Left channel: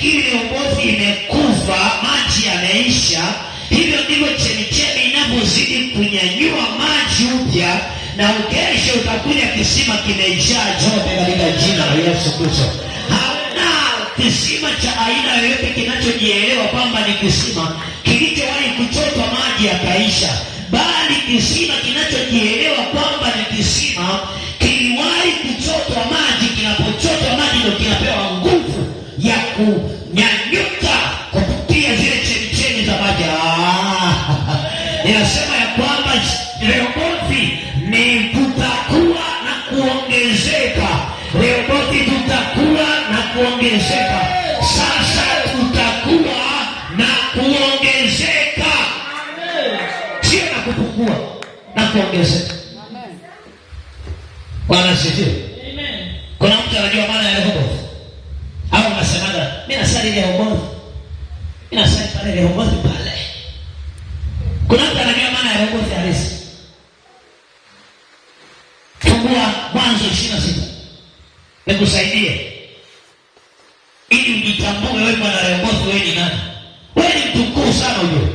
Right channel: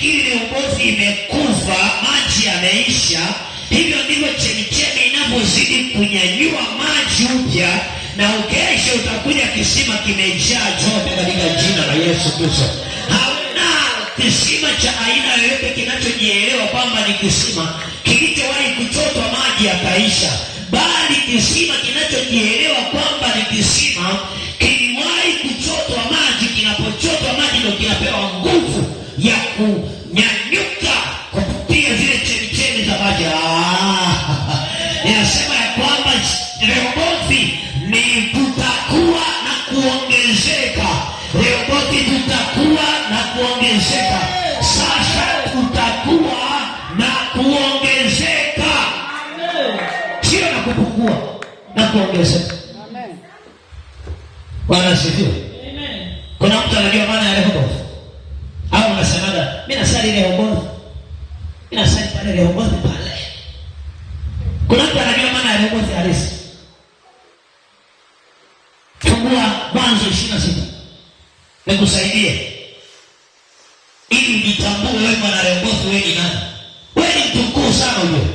usifikiri Rehobothi imekufa, maji yameisha. Hivyo ndivyo chemichemi inavyozidi kunyanyua maji upya, na ukesho utakuja kisima kimejaa chote katika jina la Yesu Kristo. Hauna kisima cha aina yoyote kinachojielewa kwamba ni kisima kilichowahi kuchotwa maji yakaisha, bali kisima kinachojielewa kwamba ni kisima kiliwahi kuchotwa maji. Kinapochotwa maji ndio kinapewa nguvu ya kunyanyuka kupitia zile chemichemi za maji. Inasema ya kwamba Rehobothi ni tutakuwa na kuongezeka. Rehobothi tutakuwa na kuongezeka. Sasa tutakuwa na kuongezeka, sio na kupungua, na kuongezeka. Bwana asifiwe. Kuna mtu anajua maana ya Rehobothi? Au unasemaga mimi nasali Rehobothi, mimi nasali pale Rehobothi pale. Kuna mtu anajua maana ya Rehobothi halisi? Fungua Mwanzo 26 nikusaidie ili ujitambue wewe mwana Rehobothi, wewe ni nani? Wewe ni mtu mkuu sana huyo.